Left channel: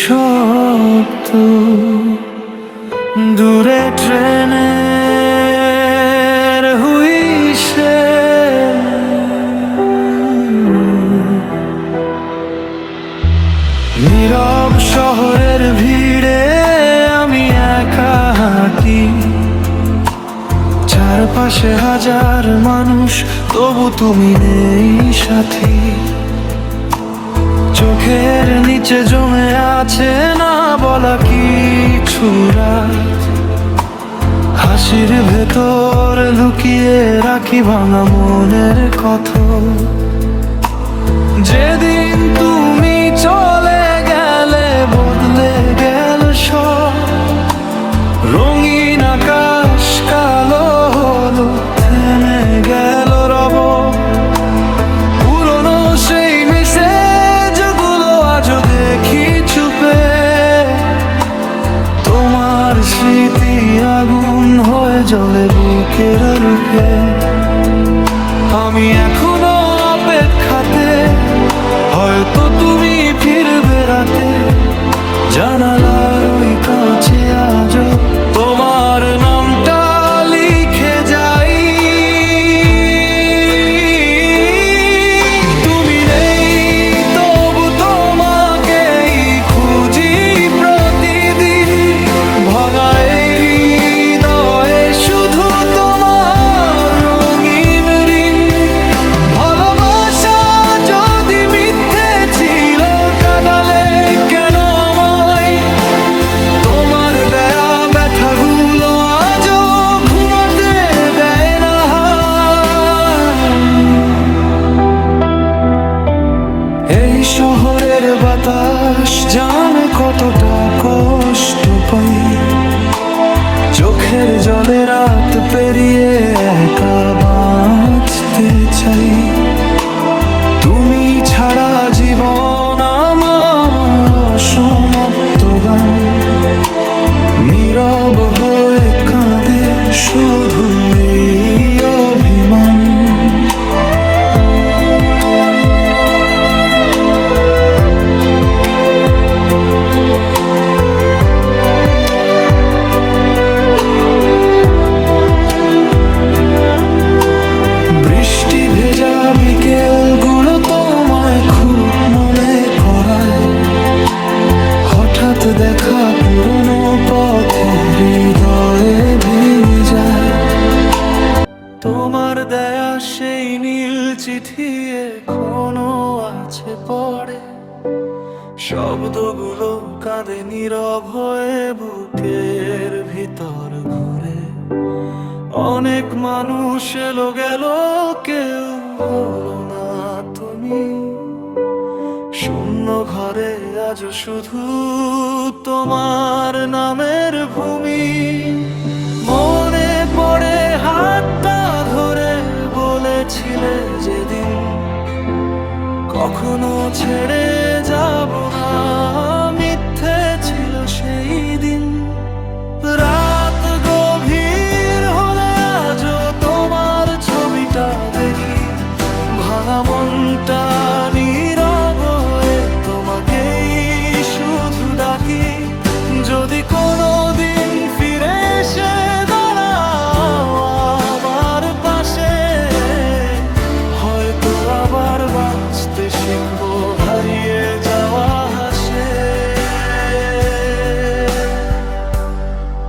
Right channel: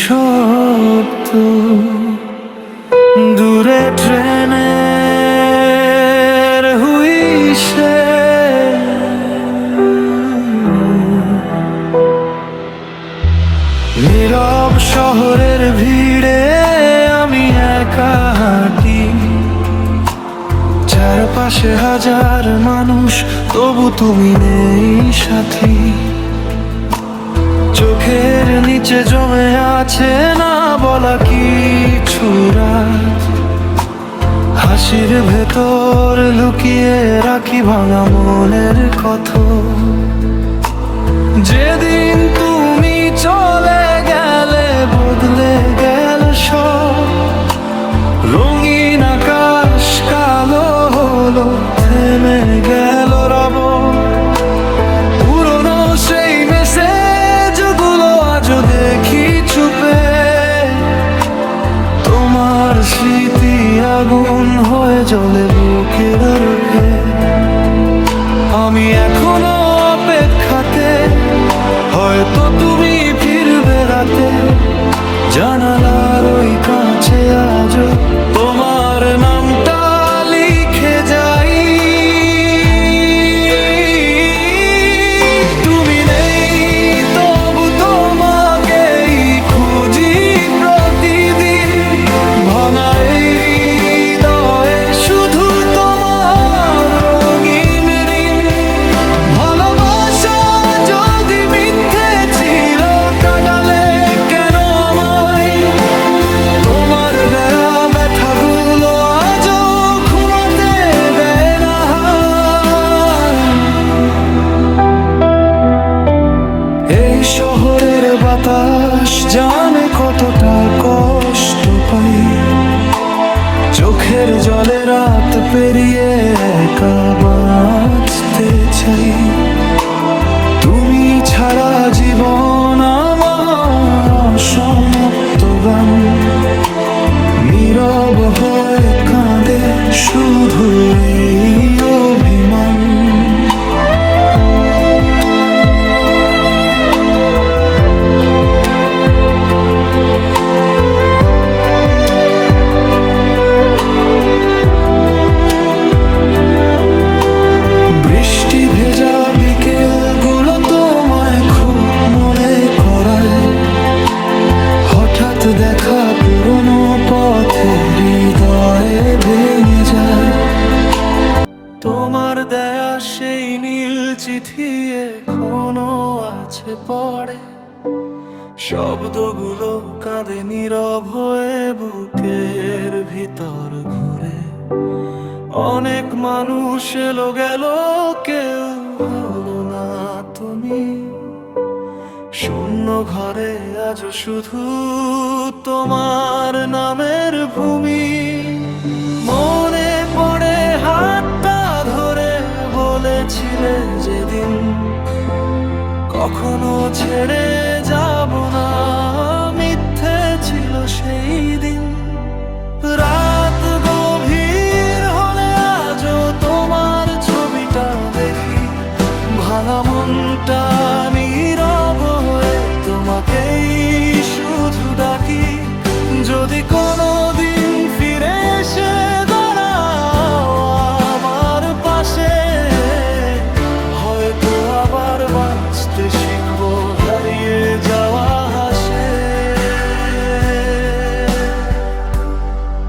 শব্দ, দূরে ট্রেনের হুইসেল, নীরব শহরের ভিড়ে আমি একা হাঁটি, চারপাশে হাজার মানুষ, তবু তুমি নেই সাথী। চোখের নিচে জমে আছে না বলা কিছু রাত, হাসির ভেতর লুকিয়ে রাখি ভাঙা মনের কথা। যেদিন তুমি চলে গেলে বদলে গেল সব, রঙিন আকাশ কালো হলো, থেমে গেল রব। পুরনো সেই মেসেজগুলো আজও দেখি চুপে, তোমার স্মৃতি আগুন হয়ে জ্বলে বুকের রুখে। আমি এখনো অপেক্ষাতে, হয়তো তুমি ফিরবে রাতে, জানালার ওই কাছে আজও তোমার নামটা লিখে যাই। তুমি নেই তবু তোমাকেই খুঁজি প্রতিদিন, ভাঙা এই হৃদয়ে শুধু তোমার রঙিন ঋণ। ভালোবাসা যদি মিথ্যে ছিল, কাঁদালে কেন আমায়? তোমার দেয়া ব্যথাগুলো আজও ঘুমাতে দেয় না। এই শহরের বাতাস জানে কতটা কষ্ট পাই, চোখের জলে রাত পেরিয়ে একা বাঁচতে চাই। তুমি ছাড়া জীবন আমার অসমাপ্ত গান, নীরব হয়ে কাঁদে শুধু এই অভিমান। বৃষ্টি ভেজা বিকেলগুলো তোমায় খুব মনে করায়, হঠাৎ দেখা পুরনো পথে হৃদয়ে ভেঙে যায়। তোমার দেয়া সেই নীল চিঠি এখনো আছে পড়ে, শব্দগুলো কাঁদে নীরব হয়ে বুকের ভিতর ঘুরে। অনেক মানুষ এলো গেল, কেউ হলো না তুমি। শূন্য ঘরে আজও শুধু তোমার নামের ভূমি। মনে পড়ে হাতটা ধরে বলেছিলে যেদিন, কখনো ছেড়ে যাব না, মিথ্যে ছিল সেই দিন। রাত গভীর হলে আজও তোমার ছবিটা দেখি, ভাঙা মনটা নীরব হয়ে তোমাকেই শুধু ডাকি। যদি কোনোদিন ফিরে এসে দাঁড়াও আমার পাশে, হয়তো আবার বাঁচতে শিখবো হারিয়ে যাওয়া হাসে।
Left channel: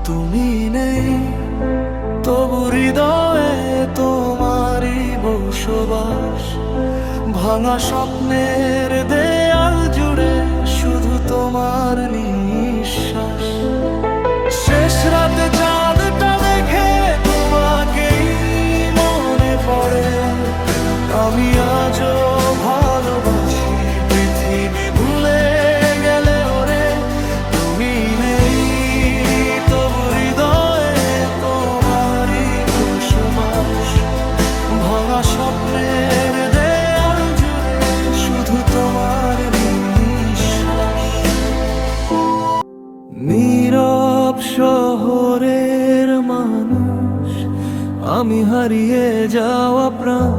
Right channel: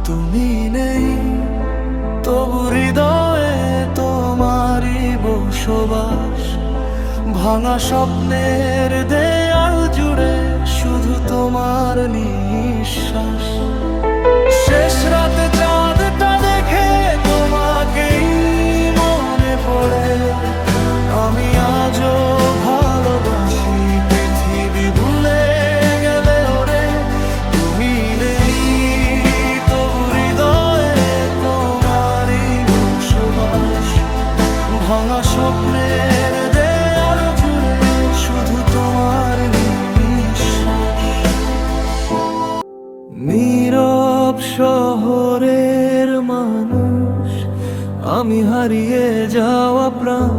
তুমি নেই তবু হৃদয়ে তোমারই বসবাস, ভাঙা স্বপ্নের দেয়াল জুড়ে শুধু তোমার নিঃশ্বাস। শেষ রাতে চাঁদটা দেখে তোমাকেই মনে পড়ে, আমি আজও ভালোবাসি পৃথিবী ভুলে গেলে ওরে। তুমি নেই তবু হৃদয়ে তোমারই বসবাস, ভাঙা স্বপ্নের দেয়াল জুড়ে শুধু তোমার নিঃশ্বাস। নীরব শহরের মানুষ, আমি হারিয়ে যাওয়া প্রাণ,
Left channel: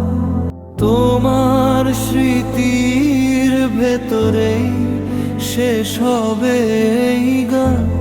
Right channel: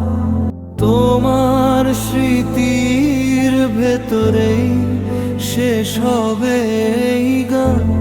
তোমার স্মৃতির ভেতরেই শেষ হবে এই গান।